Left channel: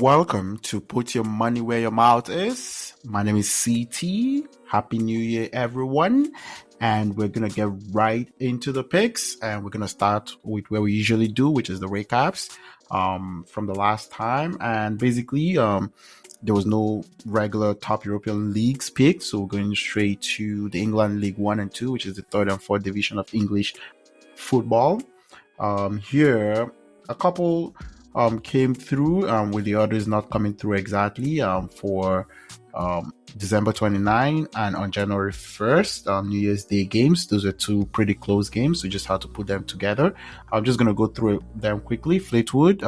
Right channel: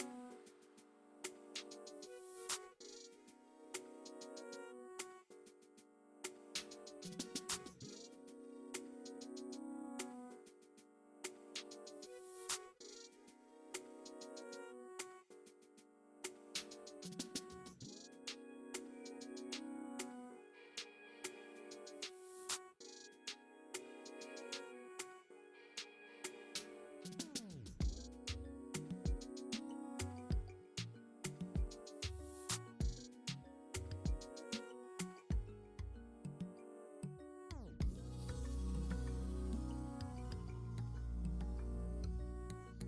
Welcome to Put Your Money Where Your Mouth Is. My name is CT. Happy New Year, everyone. And we're going to get right into the picks. And we're going to start with where we usually do, which is the recaps from the last time. And basically, there was no regular top European leagues picked. So we're going straight to the England League 1 and 2, which is the third and fourth division of English football. Here, a couple came through with the others not coming through exactly for December 29 and on January 1st, New Year's Day games. Those are two pretty close games, so just had to put them together. I'm just going to go through them quickly. Fleetwood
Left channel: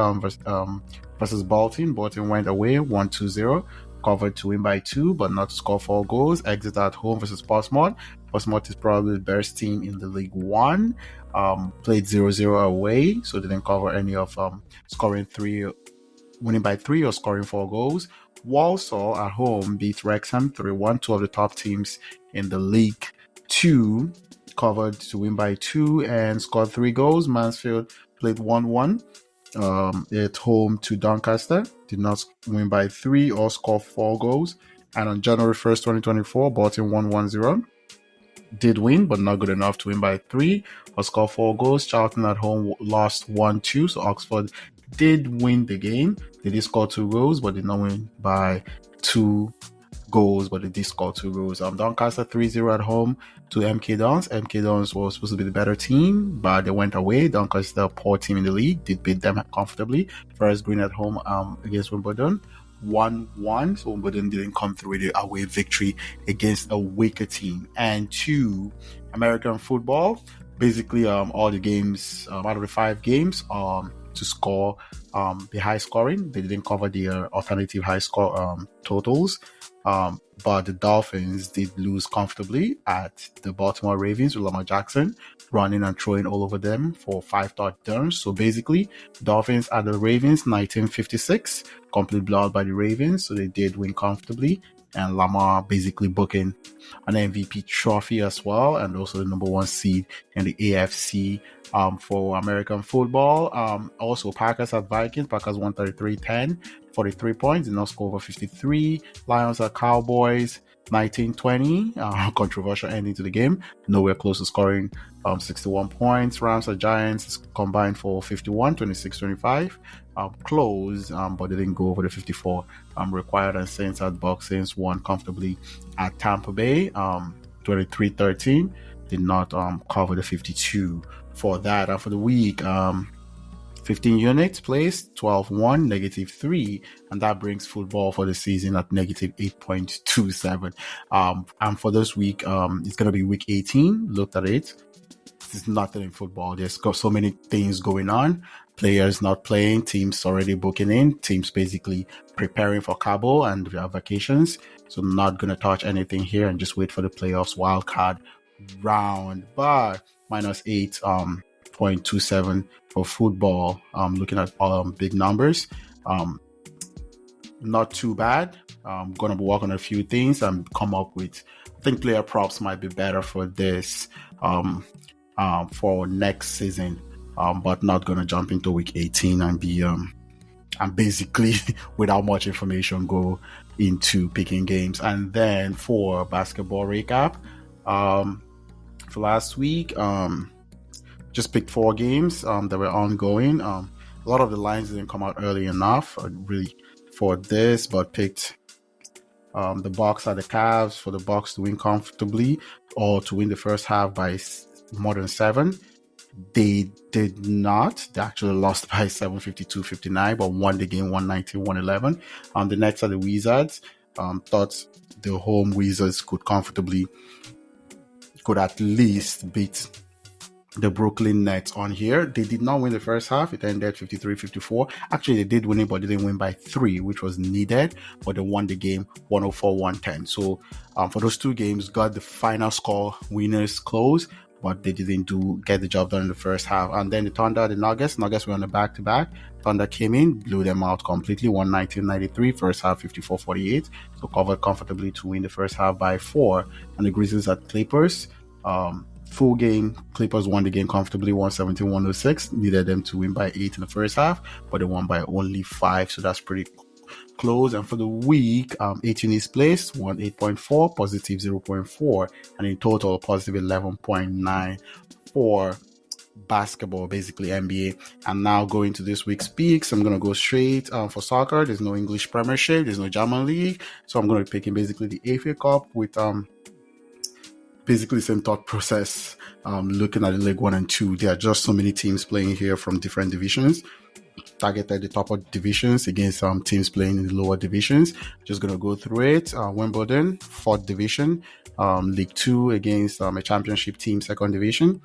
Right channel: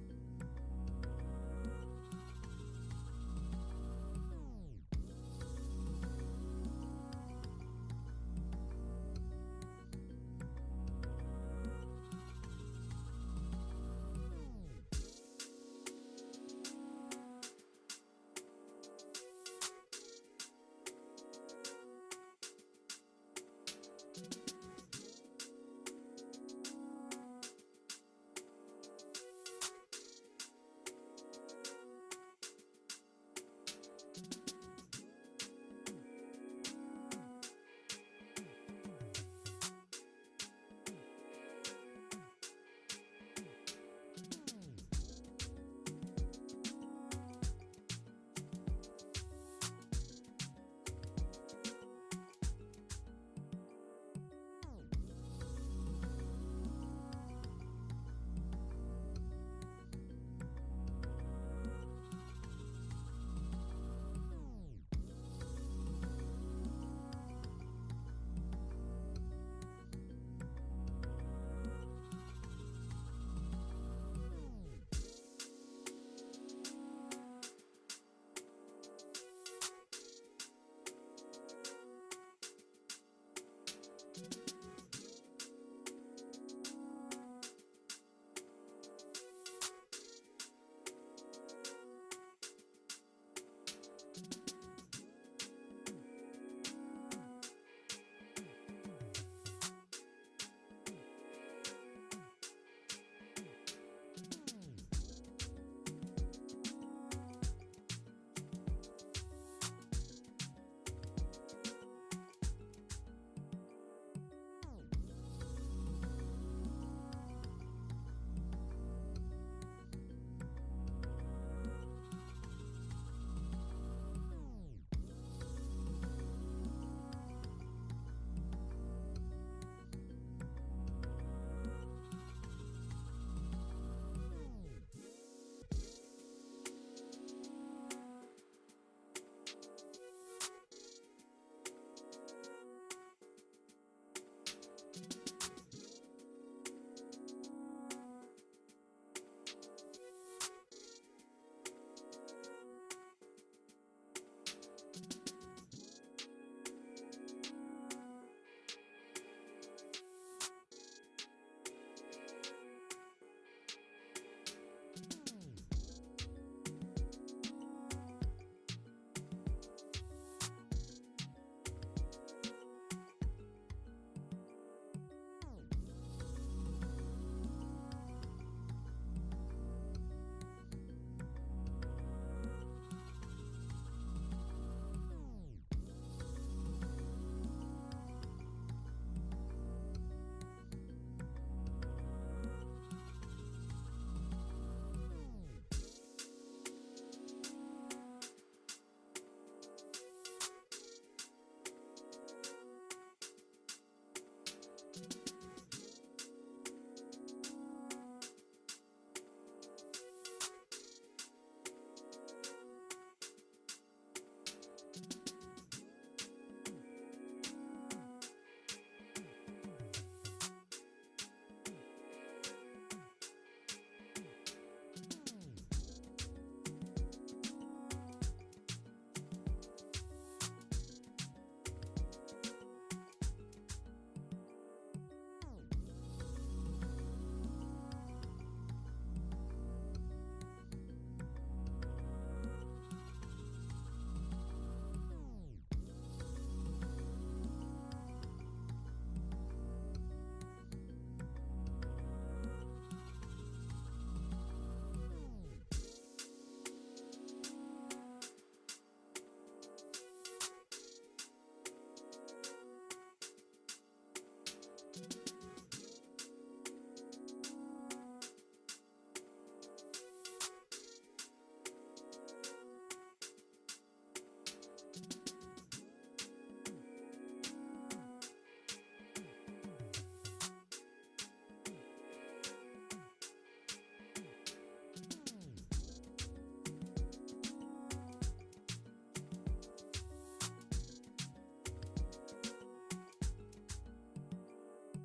versus Bolton. Bolton went away 1-2-0. Covered to win by 2, but not to score 4 goals. Exeter at home versus Portsmouth. Portsmouth is probably the best team in the League One. Played 0-0 away, so didn't cover any of winning by 3 or scoring 4 goals. Walsall at home beat Wrexham 3-1, two of the top teams in the League 2. Covered to win by 2 and scored 3 goals. Mansfield played 1-1. At home to Doncaster, did not win by 3 or score 4 goals. And on January 1st, 2024, Bolton won 1-0. Did win, but not good enough to win by 3 or score 4 goals. Charlton at home lost 1-2, so Oxford did win the game. They did score 2 goals, but did not win by 2 goals, but they did score 2 goals. Doncaster 3-0 at home to MK Dons. MK Dons was supposed to be the better team, but they went away. Doncaster, a poor team in the league, did beat them comfortably. Forest Green at home against Wimbledon. 1-1, so Wimbledon didn't come through with the away victory against a weaker team. And 2, American football, basically all the games out of the 5 games to score the high scoring. They didn't cover the alternative high score totals, but the Dolphins did lose comfortably at the Baltimore Ravens with Lamar Jackson running and throwing all over them for 5 touchdowns. So basically, Dolphins at the Ravens 1956, complete blowout by the Ravens, so they did win comfortably. And Lamar basically booking an MVP trophy as well, and also the number 1 seed in the AFC for American football. Also, Packers at Vikings. Packers 133-10, 43 points, did not score over 53. Lions at Cowboys 19-20, controversial ending to the game. Nowhere close to scoring 61 points. Rams at Giants combined for 51, 26-25. Close, but they didn't go over the 54 required. And Saints at Bucs. Saints won comfortably at Tampa Bay 23-13. Did not cover the 52 for that. And for the week, 15 units placed, 12-1, -3, and that brings football for the season at -8.27. And for this week, it's going to be week 18. Looked at it. There's nothing in football. There's got so many things going on. Players not playing, teams already booking in, teams basically preparing for Cabo and their vacations. So I'm not going to touch anything here and just wait for the playoffs wildcard round. But -8.27 for football. Looking at big numbers, not too bad. I'm gonna be working on a few things and come up with. I think player props might be better for this for next season, but not gonna jump into week 18 and be and basically without much information go into picking games. And then for basketball recap, for last week, just picked 4 games that were ongoing. A lot of the lines didn't come out early enough really for this, but picked the Bucks at the Cavs, for the Bucks to win comfortably or to win the first half by more than 7. They did not. They actually lost by 752-59, but won the game 119-111. The Nets at the Wizards. Thought the home Wizards could at least beat the Brooklyn Nets on here. They did not win the first half. It ended 53-54. Actually, they did win it, but they didn't win by 3, which was needed. But they won the game 104-110. So for those 2 games, got the final score winners close, but they didn't get the job done in the first half. And then the Thunder, the Nuggets were on the back-to-back. Thunder came in, blew them out completely, 119-93, first half 54-48. So covered comfortably to win the first half by 4. And the Grizzlies at Clippers, full game, Clippers won the game comfortably, 117-106. Needed them to win by 8 in the first half, but they won by only 5, so that's pretty close. And for the week, 8 units placed, won 8.4, positive 0.4, and in total, positive 11.9 for basketball, basically NBA. And now going to this week's picks, I'm going to go straight for soccer. There's no English Premiership, there's no German League, so I'm going to be picking basically the FA Cup with basically the same thought process. Looking at the League 1 and 2, there are just so many teams playing here from different divisions. Targeted the top of divisions against teams playing in the lower divisions. Just gonna go through it. Wimbledon, 4th division. League 2 against a championship team, 2nd division.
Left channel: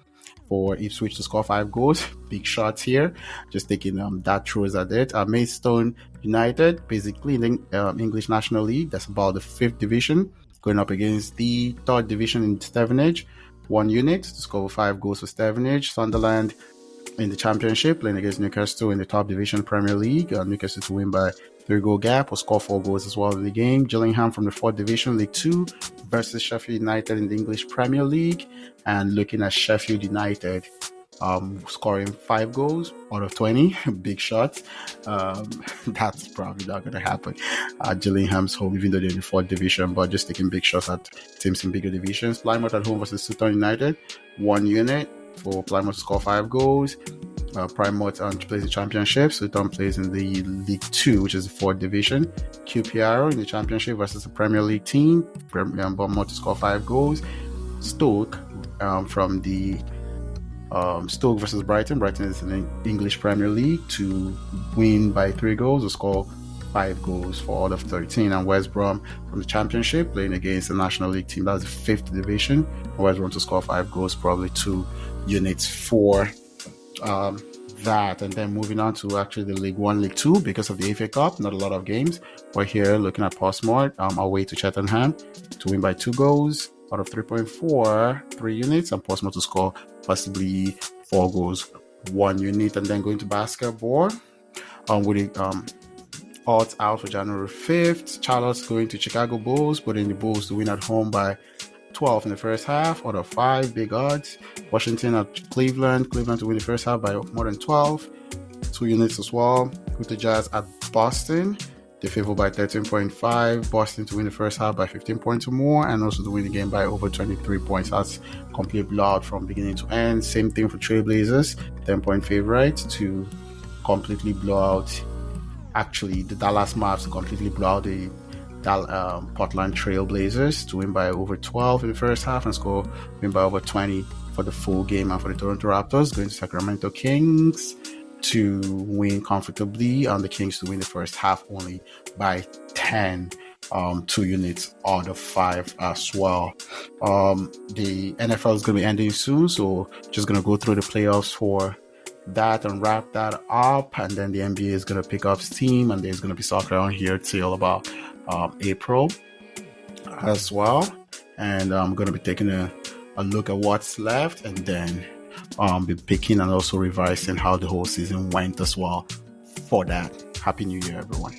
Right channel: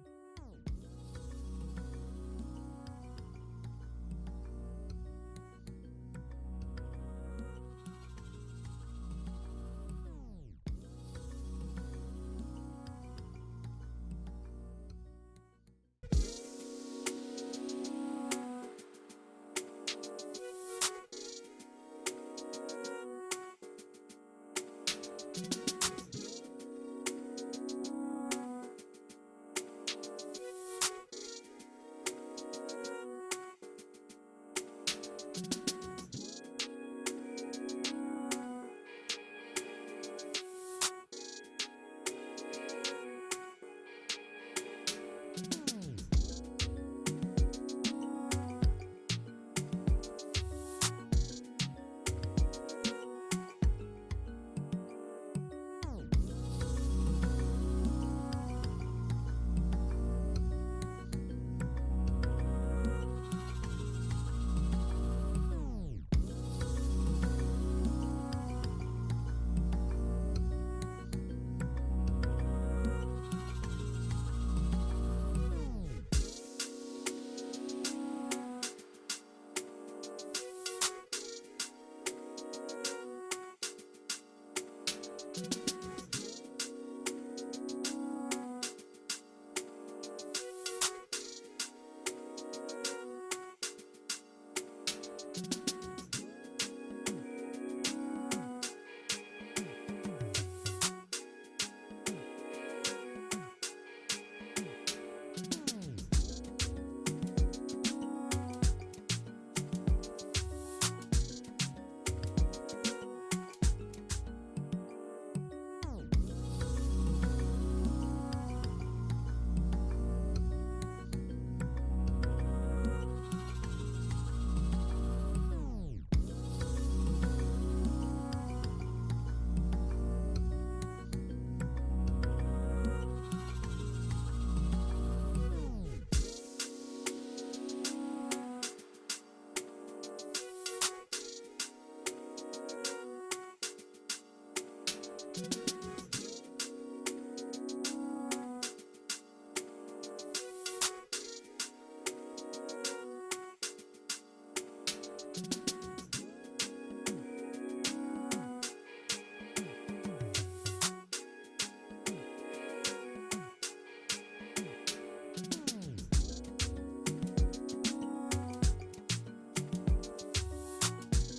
For Ipswich to score 5 goals. Big shots here. Just taking that throws at it. Maidstone United, basically in the English National League. That's about the 5th division. Going up against the 3rd division in Stevenage. 1 unit to score 5 goals for Stevenage. Sunderland in the Championship, playing against Newcastle in the top division Premier League. Newcastle to win by 3-goal gap or score 4 goals as well in the game. Gillingham from the 4th division, League 2 versus Sheffield United in the English Premier League. And looking at Sheffield United scoring 5 goals out of 20. Big shot. That's probably not going to happen at Gillingham's home, even though they're in the 4th division, but just taking big shots at teams in bigger divisions. Plymouth at home versus Sutton United, 1 unit for Plymouth to score 5 goals. Plymouth plays the Championship. Sutton plays in the League 2, which is the 4th division. QPR in the Championship versus the Premier League team. Bournemouth to score 5 goals. Stoke from the Stoke versus Brighton. Brighton is in the English Premier League to win by 3 goals or score 5 goals for all of 13. And West Brom from the Championship playing against the National League team. That's the 5th division. And West Brom to score 5 goals, probably 2 units for that. And then moving on to actually the League 1, League 2 because of the FA Cup. Not a lot of games. We're here looking at Portsmouth away to Cheltenham to win by 2 goals out of 3.4, 3 units, and Portsmouth to score possibly 4 goals, 1 unit. And then going to basketball with the odds out for January 5th. Charlotte's going to Chicago Bulls, putting the Bulls to win at home by 12 in the first half out of 5, big odds. Washington at Cleveland to win the first half by more than 12, 2 units as well. With the Jazz at Boston, they favor by 13.5. Boston to win the first half by 15 points or more, and also to win the game by over 23 points. That's complete blowout from beginning to end. Same thing for Trailblazers, 10-point favorite to completely blow out. Actually, the Dallas Mavs to completely blow out the Portland Trailblazers to win by over 12 in the first half and win by over 20 for the full game. And for the Toronto Raptors, going to Sacramento Kings to win comfortably, and the Kings to win the first half only by 10, 2 units out of 5 as well. The NFL is going to be ending soon, so just going to go through the playoffs for that and wrap that up, and then the NBA is going to pick up steam, and there's going to be soccer on here till about April as well. And I'm going to be taking a look at what's left, and then be picking and also revising how the whole season went as well for that. Happy New Year, everyone.